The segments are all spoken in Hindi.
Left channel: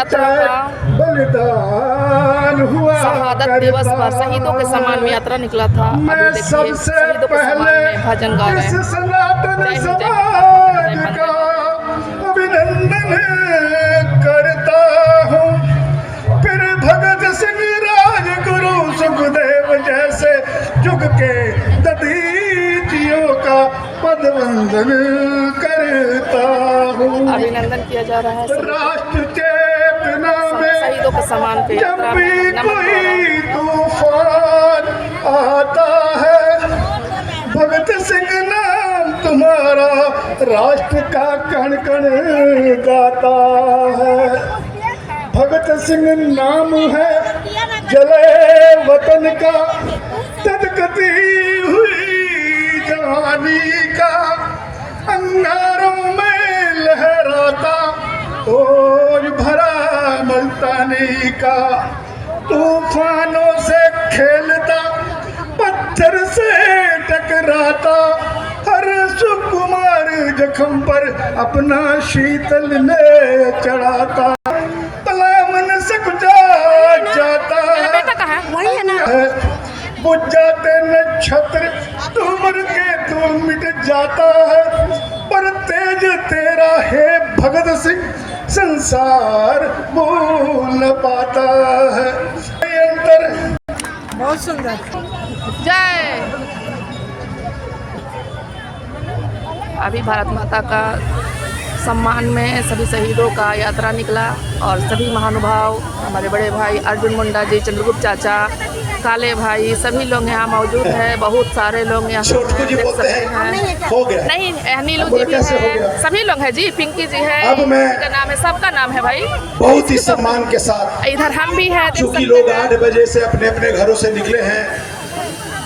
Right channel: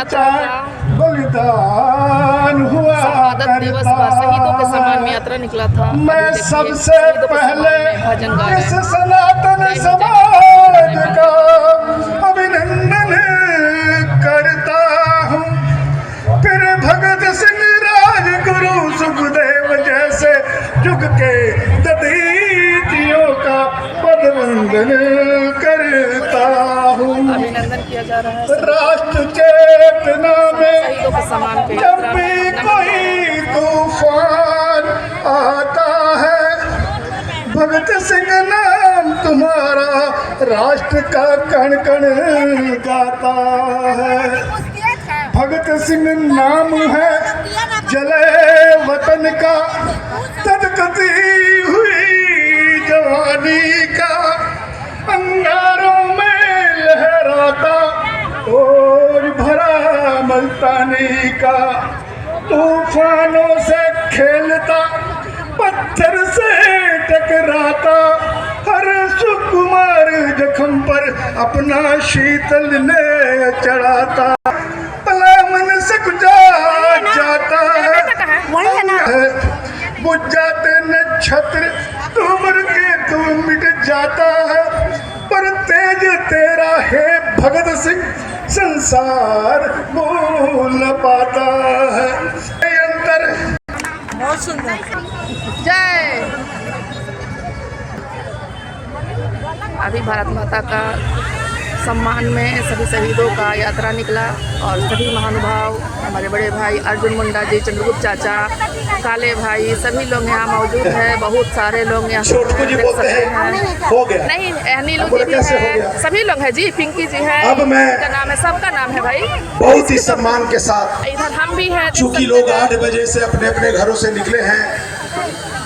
यात्रा का बलिदान हुआ शहादत दिवस पर शहीदों के सम्मान में यात्रा निकला था। अभी मैं देखिए सबसे शहीदों के सम्मान पहले में भजन गा रहे इस हैं। सनातन जय हिंद, समाज का अभिनंदन करता हूँ। फिर भगत सिंह राजगुरु सुखदेव जैसे जुग के ददीजियों का पदवंदन करता हूँ। अभिनंदन किया जा रहा है राष्ट्र चेतना में शहीदों के सम्मान पे जब यात्रा भी नमन द्वारा। कोई तूफान आता है, भगत सिंह नाम तुम्हारा राष्ट्र का कण कण गाता है। भगत सिंह नाम है जले वतन का, तदकती हुई जवानी का, अंगारों में लहराता ओज भरा मल्तानी का, तूफानों से खेलता पत्थर से टकराता, हर सुकुमार जख्म पर अपना शीतल ने चढ़ाता, मन सक जाता है, बुझ जाते न छत्र तुमर के तू मिट जाता है, पर तेज तेरा है भगत सिंह संसार भूल न पाता है। अंतर बहुत सुंदर। जय। अभी भारत माता का सम्मान में सभी शहीदों का यात्रा निकला और सभी महानुभाव, हमारे बड़े भाई अर्जुन मुंडा जी, चंद्रगुप्त चाचा, काले भाई, सभी लोग यहाँ मौजूद हैं। बहुत सारे लोग यहाँ देख सकते हैं। नहीं, नीलू जी भी है, सभी लोग हैं जी, पिंकी जी है, अब मैं नाम है, सबका नाम है भाई। बहुत ही सम्मान के साथ, इधर हम भी हैं, चूंकि लोग 8 बजे से अपने अपने घरों से निकले हैं,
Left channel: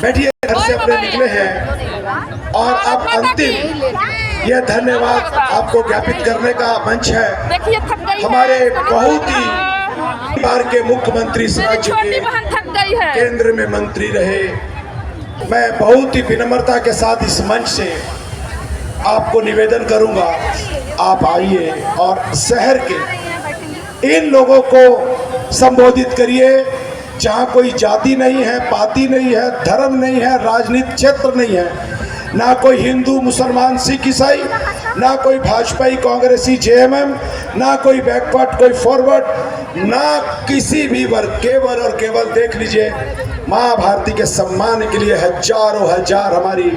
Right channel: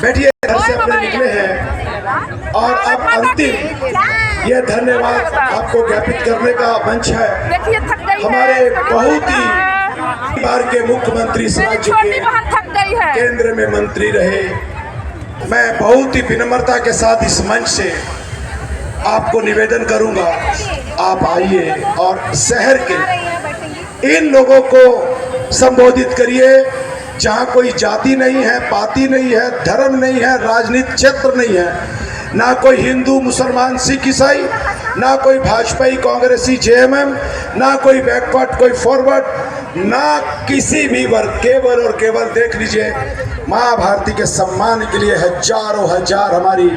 बैठिए, घर से अपने निकले हैं, और अब अंतिम यह धन्यवाद आपको ज्ञापित करने का मंच है। देखिए थक गई हमारे है, बहुत ही बार के मुख्यमंत्री राज्य के थक गई है, केंद्र में मंत्री रहे। मैं बहुत ही विनम्रता के साथ इस मंच से आपको निवेदन करूंगा, आप आइए और शहर के इन लोगों को संबोधित करिए, जहां कोई जाति नहीं है, पाति नहीं है, धर्म नहीं है, राजनीतिक क्षेत्र नहीं है, ना कोई हिंदू मुसलमान सिख ईसाई, ना कोई भाजपाई कांग्रेसी जेएमएम, ना कोई बैकवर्ड कोई फॉरवर्ड, ना किसी भी वर्ग, केवल और केवल देख लीजिए माँ भारती के सम्मान के लिए हजारों हजार हमारी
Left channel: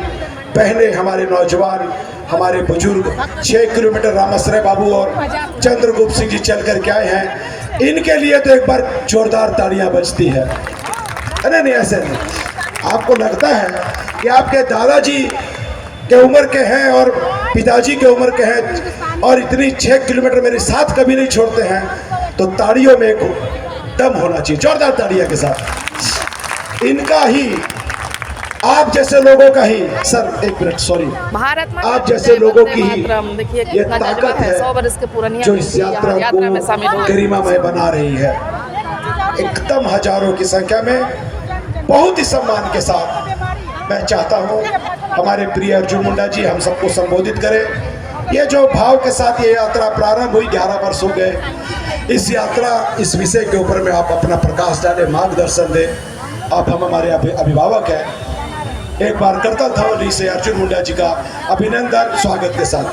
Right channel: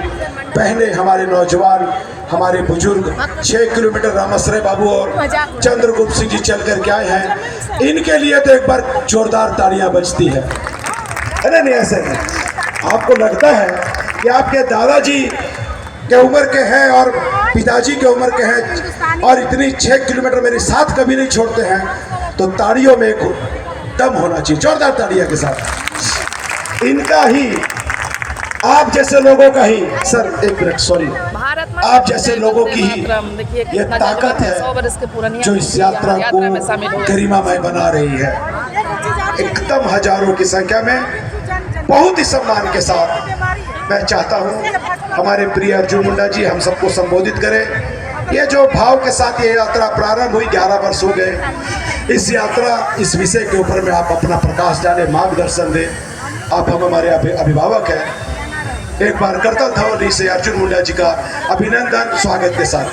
बहनें, हमारे नौजवान, हमारे बुजुर्ग 6 किलोमीटर रामाश्रय बाबू और चंद्रगुप्त सिंह जी चल कर के आए हैं। इनके लिए तो एक बार जोरदार तालियां बजती है। अरे नहीं, ऐसे नहीं, आपको लगता है कि आपके दादाजी के उम्र के हैं और पिताजी के उम्र के हैं और इतनी 6 किलोमीटर मेरे साथ कभी नहीं छोड़ते हैं, तो ताड़ियों में एक दम होना चाहिए, जोरदार ताड़ियों के साथ। इनका ही, आप जैसे लोगों का ही, सर एक मिनट, सॉरी, आप जैसे लोगों की ही ये ताकत है जो इस यात्रा को गरिमामय बना रही है। एकदम हजारों की संख्या में बहुत ही सम्मान के साथ मैं चाहता हूं हमारे प्रिय अर्जुन मुंडा जी हम सबको संबोधित करें। ये जो भाव के साथ ये यात्रा प्रारंभ हुई, 11 वर्ष हो गए इस यात्रा, इस विषय के ऊपर में आप अपना प्रकाश डालें, मार्गदर्शन दें। आप हम हमारे अभिभावक हैं। एक बार करतल ध्वनि से अर्जुन मुंडा जी का अभिनंदन स्वागत के साथ।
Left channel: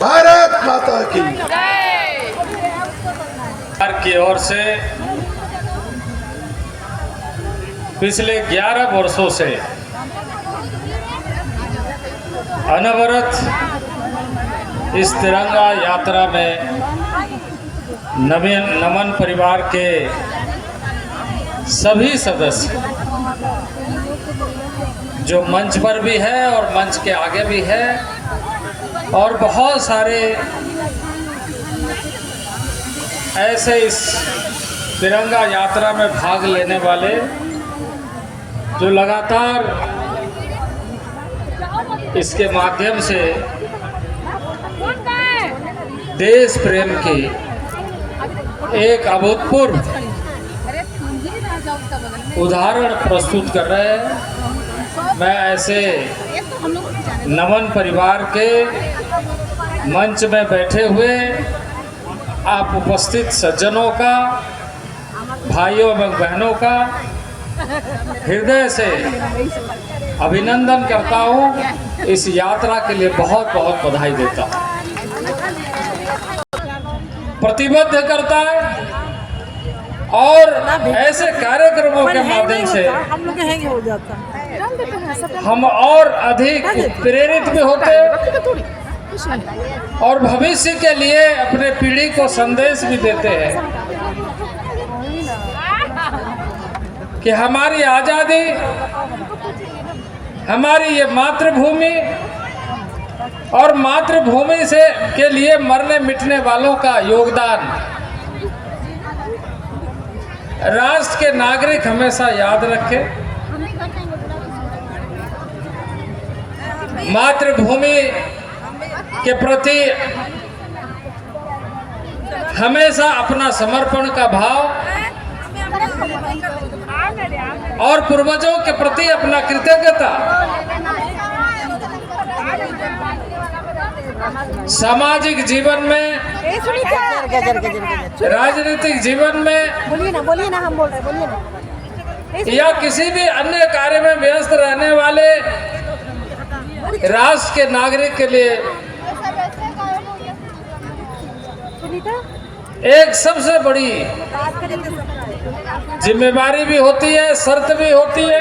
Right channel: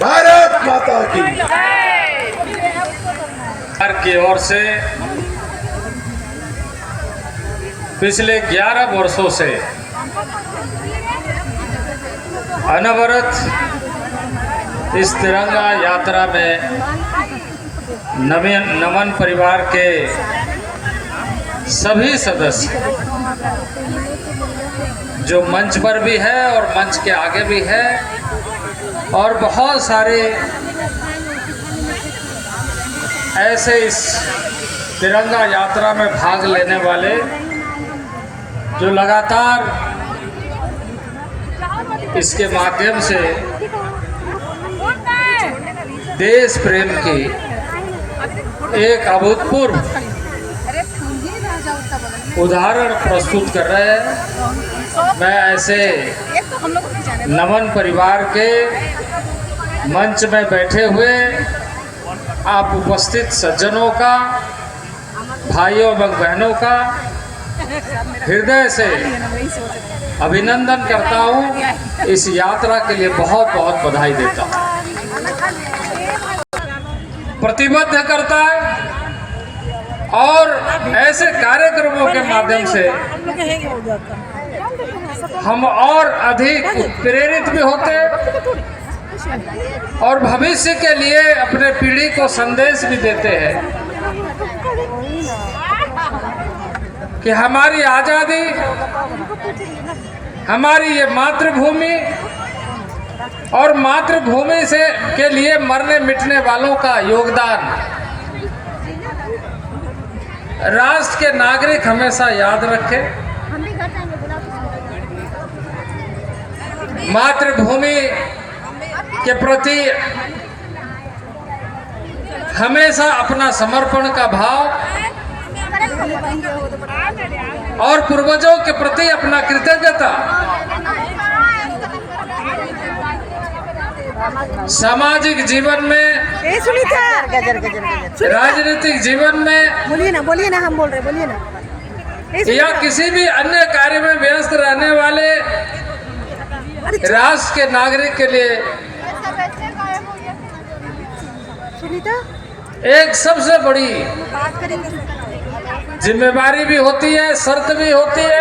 भारत माता की ओर से पिछले 11 वर्षों से अनवरत इस तिरंगा यात्रा में नमन परिवार के सभी सदस्य जो मंच पर भी है और मंच के आगे भी है, और बहुत सारे ऐसे इस तिरंगा यात्रा में भाग लेने वाले जो लगातार इसके माध्यम से देश प्रेम की एक अभूतपूर्व उदाहरण प्रस्तुत कर रहे हैं। मैं ऐसे नमन परिवार के मंच में बैठे हुए आप उपस्थित सज्जनों का, भाइयों एवं बहनों का हृदय से अभिनंदन करता हूँ। इस यात्रा के लिए बहुत बहुत बधाई देता हूँ। प्रतिबद्ध करता है और ऐसे कार्यक्रमों के माध्यम से हम और अधिक प्रेरित भी होते हैं और भविष्य के लिए अपने पीढ़ी को संदेश भी देते हैं कि हमारी आज़ादी, हमारी ये मातृभूमि और मातृभूमि से के लिए मरने मिटने वालों का योगदान राष्ट्र के नागरिक हमेशा याद रखें। मातृभूमि के प्रति हमेशा अपना समर्पण का भाव और पूर्वजों के प्रति अपना कृतज्ञता सामाजिक जीवन में, राजनीतिक जीवन में, बोलिए ना हम बोल रहे, बोलिए ना। या किसी भी अन्य कार्य में व्यस्त रहने वाले राष्ट्र के नागरिक के लिए एक सबसे बड़ी जिम्मेवारी भी होती है, शर्त भी होती है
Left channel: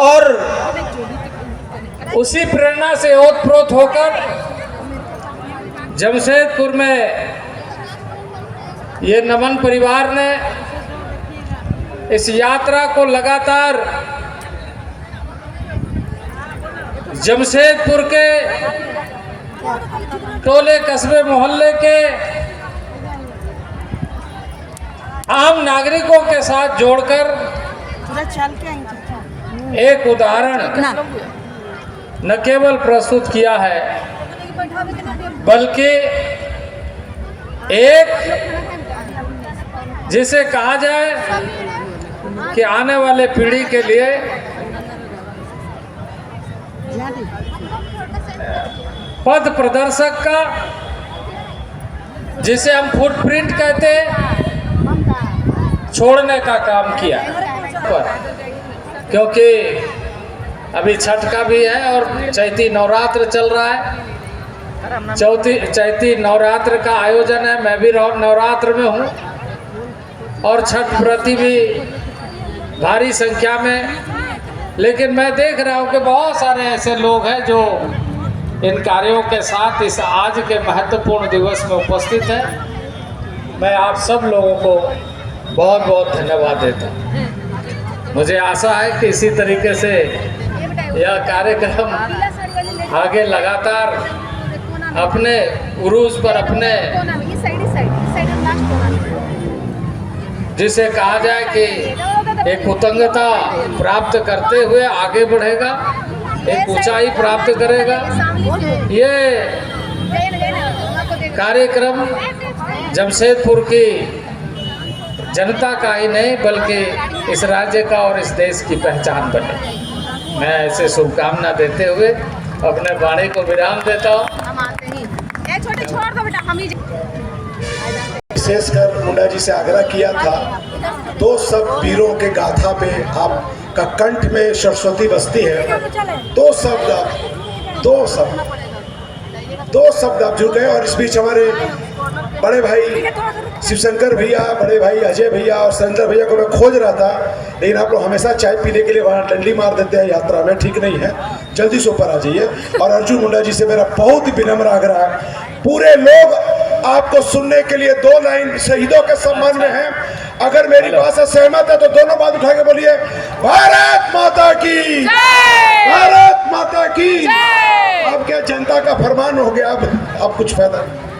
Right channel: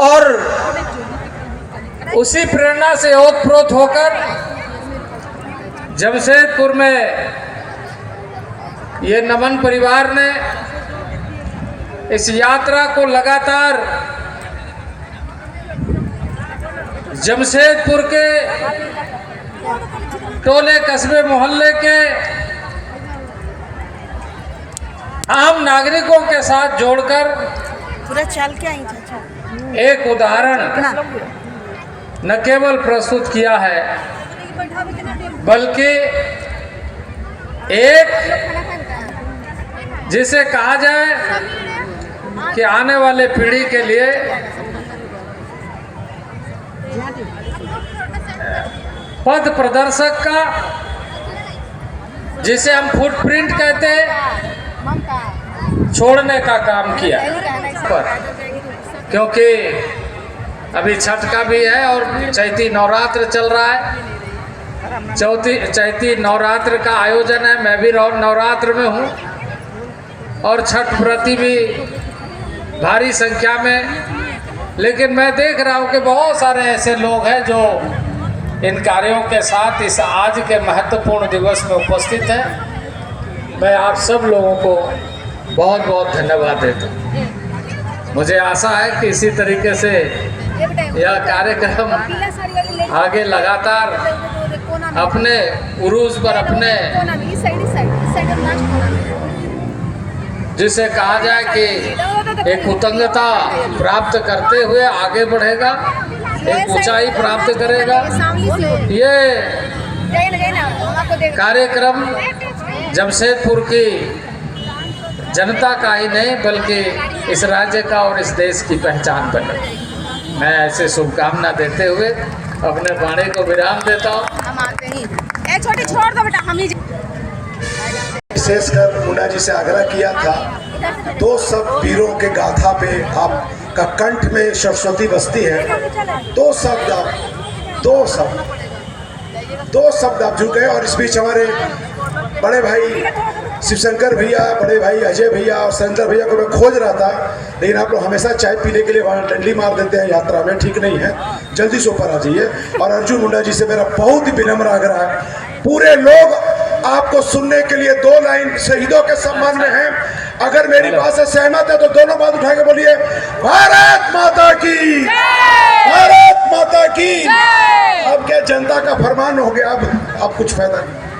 और उसी प्रेरणा से ओतप्रोत होकर जमशेदपुर में ये नमन परिवार ने इस यात्रा को लगातार जमशेदपुर के टोले कस्बे मोहल्ले के आम नागरिकों के साथ जोड़कर एक उदाहरण न केवल प्रस्तुत किया है बल्कि एक जिसे कहा जाए कि आने वाले पीढ़ी के लिए पथ प्रदर्शक का, जिसे हम फुटप्रिंट कहते हैं, छोड़ने का काम किया पर क्योंकि अभी छठ का भी है और चैती नवरात्र चल रहा है। चैती नवरात्र का आयोजन है, मैं भी नवरात्र में हूँ और छठ व्रती भी भारी संख्या में। लेकिन मैं देख रहा हूँ कि बहुत सारे ऐसे लोग हैं जो इन कार्यों के साथ इस आज के महत्वपूर्ण दिवस में उपस्थित हैं। मैं आप सब लोगों को बहुत बहुत धन्यवाद देता हूँ। मुझे आशा है कि इसी तरीके से यह कार्यक्रम आगे लगातार अपने उरूज पर, अपने जिसे कहा जाए कि एक उत्तुंगता प्राप्त करते हुए आगे बढ़ेगा, एक ऊंचाई प्राप्त करेगा। ये कार्यक्रम जमशेदपुर की जनता का ही नहीं बल्कि इस राज्य का और इस देश की पहचान बने। मैं ऐसे शुभकामना देते हुए अपने वाणी को विराम देता हूँ। विशेषकर मुंडा जी से आग्रह किया था, दो सब वीरों के गाथा पे आपका कंठ में सरस्वती बसती है। दो शब्द आप जुड़ गए और इस बीच हमारे बड़े भाई शिवशंकर भैया, बड़े भाई अजय भैया और सुरेंद्र भैया को मैं खोज रहा था, लेकिन आप लोग हमेशा चाय पीने के लिए वहाँ डंडी मार देते हैं यात्रा में, ठीक नहीं है। जल्दी से ऊपर आ जाइए। और अर्जुन मुंडा जी से मेरा बहुत ही विनम्र आग्रह है, पूरे लोग आपको सुनने के लिए 2 लाइन शहीदों के सम्मान में हैं। अगर मेरी बात से सहमत है तो दोनों बात उठा के बोलिए, भारत माता की, भारत माता की। अब क्या जनता का फरमान हो गया, अब कुछ फायदा नहीं।